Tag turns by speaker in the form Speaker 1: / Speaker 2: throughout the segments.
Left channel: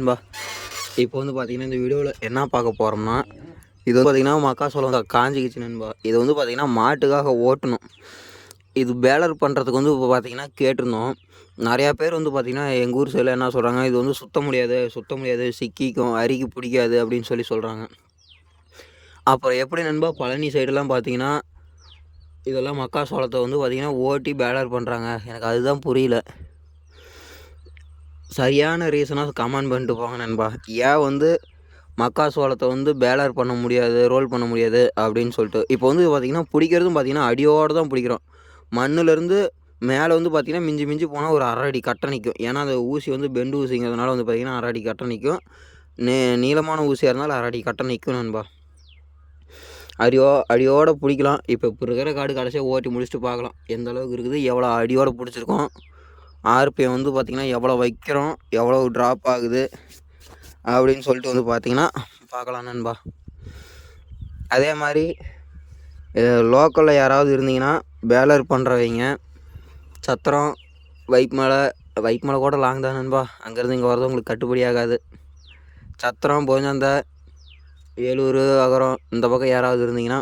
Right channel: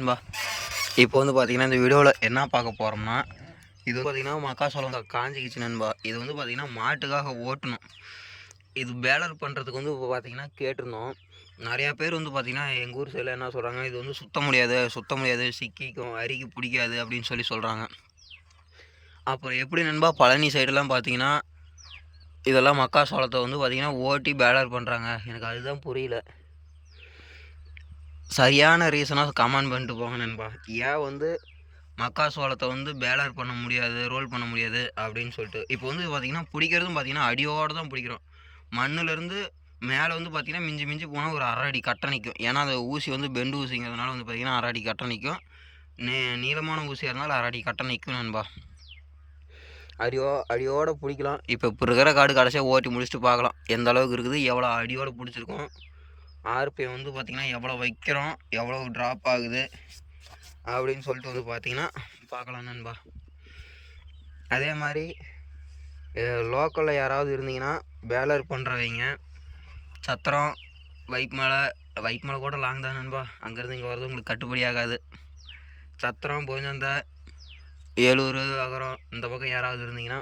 Speaker 1: நண்பா இப்போ வந்து பார்த்தீங்கன்னா இந்த வீடியோவில் என்ன பார்க்க போகிறோம்னா இது வந்து பார்த்தீங்கன்னா மக்காசோளம் காஞ்சிக்கிச்சு நண்பா. இது வந்து பார்த்திங்கன்னா மாட்டுக்காக ஓட்டணும். இது பேலர் பண்ணுறதுக்கு வந்து இப்போ பார்த்தீங்கன்னா கேட்டிருந்தோம். நிறையா பேர் வந்து பார்த்திங்கன்னா எங்கள் ஊர் சைடில் என்ன சொல்கிறாங்க இது வந்து சுத்த முடியாது சுத்த முடியாது சிக்கிக்கும் அரிக்கு பிடிக்காது அப்படின்னு சொல்லி சொல்கிறாங்க அப்புறம் எப்படி நண்பா பழனி சைடெல்லாம் பார்த்தீங்கன்னா இதெல்லாம் மக்காசோளத்தை வந்து பார்த்திங்கன்னா ஓட்டி பேலர் பண்ணுறாங்க எனக்கு அதுதான் புரியல. சரியான ரீசனாக கமெண்ட் பண்ணிட்டு போங்க நண்பா. ஏன் வந்து மக்காசோளத்தை வந்து பேலர் பண்ண முடியாது ரோல் பண்ண முடியாது அப்படின்னு சொல்லிட்டு. இப்போ வந்து பார்த்திங்கன்னா பிடிக்கிறதும் பார்த்திங்கன்னா அடியோடு தான் பிடிக்கிறோம். மண்ணுலேருந்து மேலே வந்து பார்த்திங்கன்னா மிஞ்சி மிஞ்சி போனால் ஒரு அரை அடி கட்டை நிற்கும் ஏன்னா அந்த ஊசி வந்து பெண்டு ஊசிங்கிறதுனால வந்து பார்த்திங்கன்னா அரை அடி கட்டை நிற்கும் நீ நீளமான ஊசியாக இருந்தாலும் அரை அடி கட்டை நிற்கும் நண்பா. அடியோ அடியோடு பிடிக்கலாம். இப்போ இப்போ இருக்கிற காடு கடைசியாக ஓட்டி முடிச்சுட்டு பார்க்கலாம் எந்த அளவுக்கு இருக்குது எவ்வளோ அடியோடு பிடிச்சிருக்கோம். ஆர்பிஎம் வந்து பார்த்திங்கன்னா எவ்வளோ வைக்கிறோம் எவ்வளோ ட்ராப் ஆகுது அப்படின்னு சொல்லிட்டு வந்து பார்த்திங்கன்னா பார்க்கலாம் நண்பா. அதே மாதிரி லோக்கலில் யாராவது இருந்தீங்கன்னா பேலர் பண்ணுறவங்க சத்திரம் வைப் மலை வைப் மலை கூட லாங் தான் நண்பா. அங்கேருந்து இங்கே வரது உங்களுக்கு கட்டுப்படி ஆகாது. சத்திரம் போஞ்சந்த ஏலூர் அகரம் இந்த பக்கம் யாராவது இருந்தீங்கன்னா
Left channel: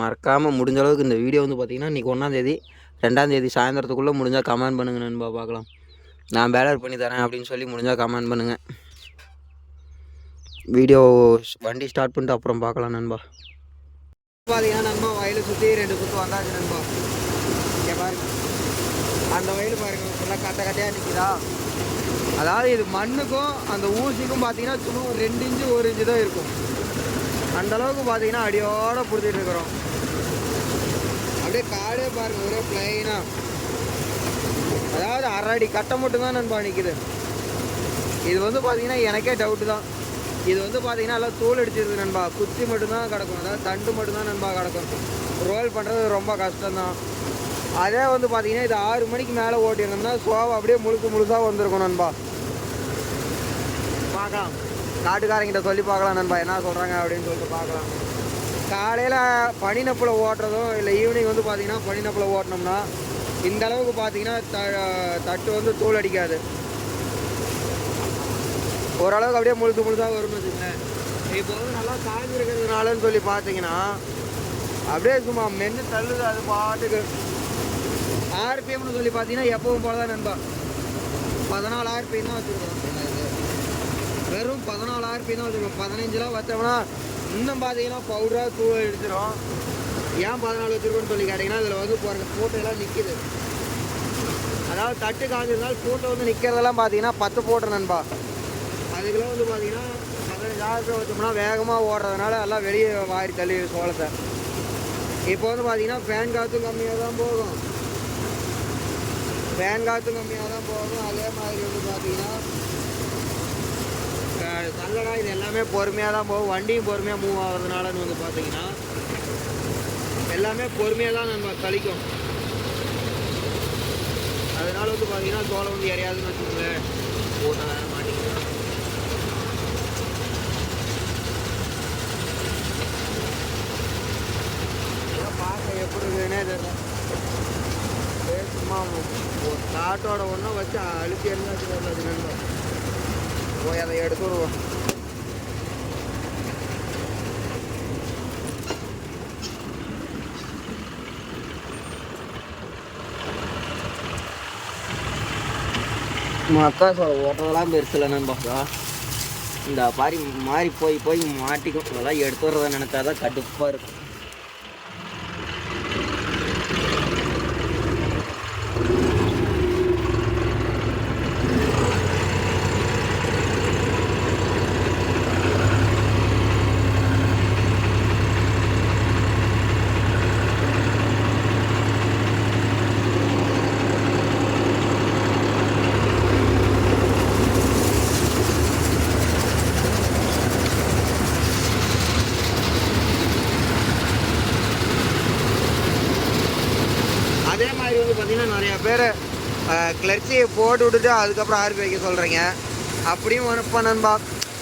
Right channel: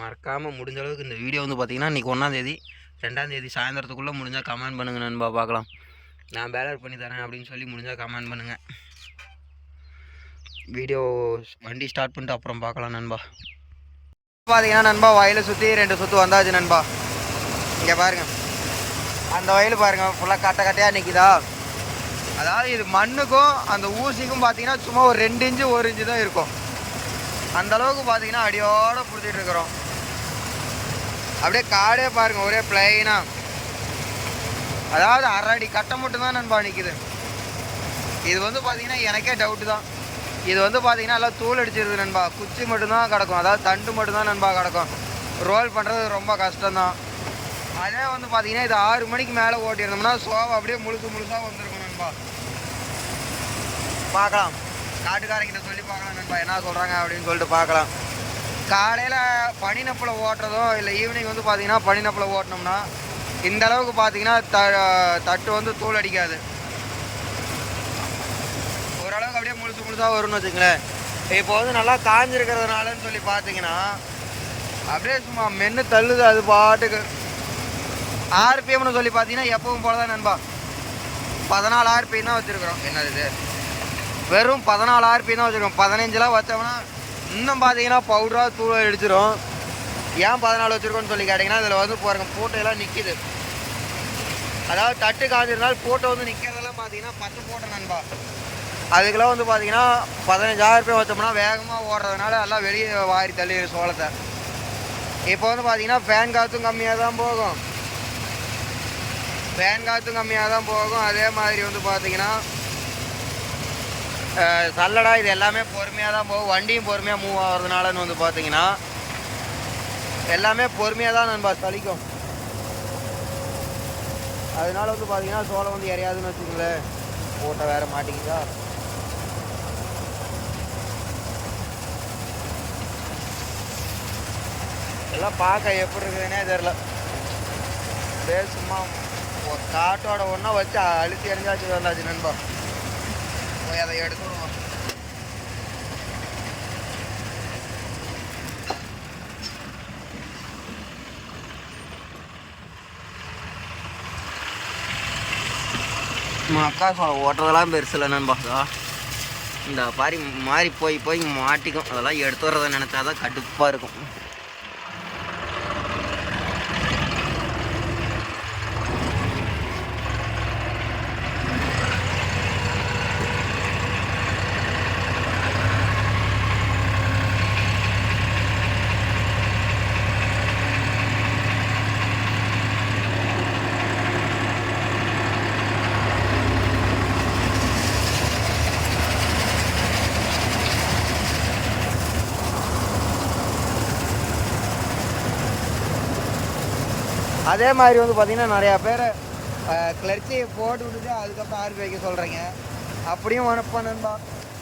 Speaker 1: மறக்காமல் முடிஞ்ச அளவுக்கு இந்த வீடியோ வந்து பார்த்திங்கன்னா இன்றைக்கி ஒன்றாந்தேதி ரெண்டாந்தேதி சாயந்தரத்துக்குள்ளே முடிஞ்சால் கமெண்ட் பண்ணுங்கள் நண்பா பார்க்கலாம். நான் பேலர் பண்ணி தரேன் அப்படின்னு சொல்லி முடிஞ்சால் கமெண்ட் பண்ணுங்கள் வீடியோ வண்டி ஸ்டார்ட் பண்ணிட்டு அப்புறம் பார்க்கலாம் நண்பா. பார்த்தீங்கன்னா நண்பா வயலை சுற்றி ரெண்டு சுற்று வந்தாச்சு நண்பா. இங்கே பாருங்கள் அந்த வயல் பாருங்கள் ஃபுல்லாக கட்ட கட்டையாக நிற்கிதா அதாவது இது மண்ணுக்கும் அந்த ஊசிக்கும் பார்த்தீங்கன்னா சும்மா ஒரு ரெண்டு இன்ச்சு ஒரு இன்ச்சு தான் இருக்கும். அந்தளவுக்கு பார்த்தீங்கன்னா அடியோடு பிடிச்சிட்டு இருக்கிறோம். அப்படியே காடே பாருங்க ஒரே பிளைனா அதாவது அரை அடி கட்டை மட்டும் தான் நண்பா நிற்குது இது வந்து பார்த்தீங்கன்னா எனக்கே டவுட்டு தான். இது வந்து பார்த்தீங்கன்னா எல்லாம் தூள் அடிச்சிருது நண்பா. குச்சி மட்டும்தான் கிடக்கும். அதாவது தண்டு மட்டும்தான் நண்பா கிடக்கும். ரோல் பண்ணுறது ரொம்ப கஷ்டம்தான் அதே வந்து பார்த்தீங்கன்னா இது ஆறு மணிக்கு மேலே ஓட்டியிருந்தோம்னா சோவை அப்படியே முழுசு முழுசாக வந்திருக்கும் நண்பா. பார்க்கலாம். காட்டுக்காரங்கிட்ட சொல்லி பார்க்கலாம் நண்பா. என்ன சொல்கிறாங்க அப்படின்னு சொல்லிட்டு பார்க்கலாம். காலையில் பனிநப்பில் ஓட்டுறதும் இல்லை ஈவினிங் வந்து பார்த்தீங்கன்னா பனிநப்பில் ஓட்டினோம்னா இந்த அளவுக்கு பார்த்தீங்கன்னா த தட்டு வந்து தூள் அடிக்காது. ஓரளவுக்கு அப்படியே முழுசு முழுசாக வரும்னு வச்சுங்களேன் இப்போ வந்து நல்லா காஞ்சிருக்கிறதுனாலன்னு சொல்லி பார்த்தீங்கன்னா அப்படியே சும்மா மென்று தள்ளுது அது பாட்டுக்கு. ஆர்பிஎம்னு சொல்லி பார்த்தீங்கன்னா எப்பவும் போல தான் நண்பா. பதினாலு ஆர்பிஎம் தான் வச்சுருக்குறோம். என்னது வெறும் பதினாலு ஆர்பிஎம் தான் வச்சுருக்கோம். பதினஞ்செலாம் வச்சோம்னா இன்னும் பார்த்தீங்கன்னா பவுடராக தூள் அடிச்சிடும் ஏன் பதினாலு வச்சுருக்கோன்னு சொல்லி கேட்டிங்கன்னா இதில் வந்து பாருங்கள் ஃபோட்டோலாம் எல்லாம் நிற்கிது அதாவது தட்டு காஞ்சிருந்தால் ஃபோட்டோ வந்து நிற்கிறதெல்லாம் பார்த்தீங்கன்னா பத்து ஃபோட்டோ நண்பா. அதுக்கெல்லாம் வந்து பார்த்தீங்கன்னா பதினஞ்சாயிரம் ரூபாய் வச்சோம்னா வேகமாக ஓடுறதுனால எல்லாம் வெளியே வாரி தள்ளிடு சோளத்தை. இப்போ வந்து பார்த்தீங்கன்னா ஃபேன் காற்றும் கம்மியாக தான் போகும். ஃபேன் காற்றும் கம்மியாக தான் போகும். அதே மாதிரி வந்து பார்த்தீங்கன்னா சல்லடா இது எல்லாமே பொறுமையாக தான் போகும். வண்டியும் பொறுமையாக மூவ் ஆகிறதுனாலன்னு வந்து பார்த்தீங்கன்னா எல்லாமே பொறுமையாக தான் நண்பா சலிக்கும். அதனால வந்து பார்த்தீங்கன்னா சோளம் வந்து இறையாதுன்னு வச்சுக்கோங்களேன். போட்டால் வேற மாட்டிக்கிதா? எல்லாம் பார்க்க எப்படி இருக்குதுன்னே தெரில அப்படியே சும்மா காட்டோட ஒன்றா வச்சு அழுத்தி எரிஞ்சாச்சு வந்தாச்சு நண்பா. போய் அதை எடுத்து விடுவோம். மக்கா சோளம் ஓட்டுறதெல்லாம் பெருசு இல்லை நண்பா இந்த மாதிரி மாறி போய் போய் மாட்டிக்கும். அதெல்லாம் எடுத்து வர்றதை நினச்சா தான் கடுப்பாக இருக்கும். அதே மாதிரி வந்து பார்த்திங்கன்னா நிறையா பேர் கிளர்ச்சியை போட்டு விட்டுட்டு அதுக்கப்புறம் ஆர்பி வைக்க சொல்கிறீங்க அப்படியும் வரப்பா நண்பா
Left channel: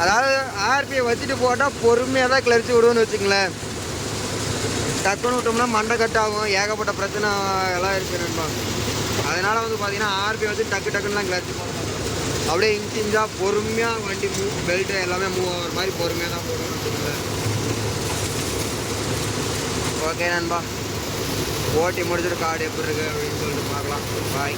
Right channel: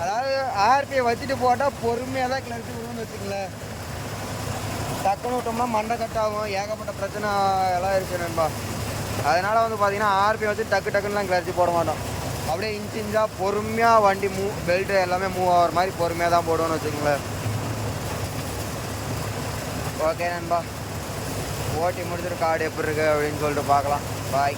Speaker 1: அதாவது ஆர்பியை வச்சுட்டு போட்டால் பொறுமையாக தான் கிளர்ச்சி விடுவோன்னு வச்சுங்களேன் டக்குன்னு விட்டோம்னா மண்டை கட்டாகும் ஏகப்பட்ட பிரச்சனை எல்லாம் இருக்குது நண்பா. அதனால் வந்து பார்த்திங்கன்னா ஆர்பி வச்சு டக்கு டக்குன்னுலாம் கிளர்ச்சி போட மாட்டோம்.
Speaker 2: அப்படியே இன்ச் இன்ச்சாக பொறுமையாக வண்டி மூவ் பெல்ட்டு எல்லாமே மூவ் ஆகிற மாதிரி பொறுமையாக தான் போடுவோன்னு வச்சுக்கோங்களேன். ஓகே நண்பா. ஓட்டி முடிச்சுட்டு காடு எப்படி இருக்கு அப்படின்னு சொல்லிட்டு பார்க்கலாம். பாய்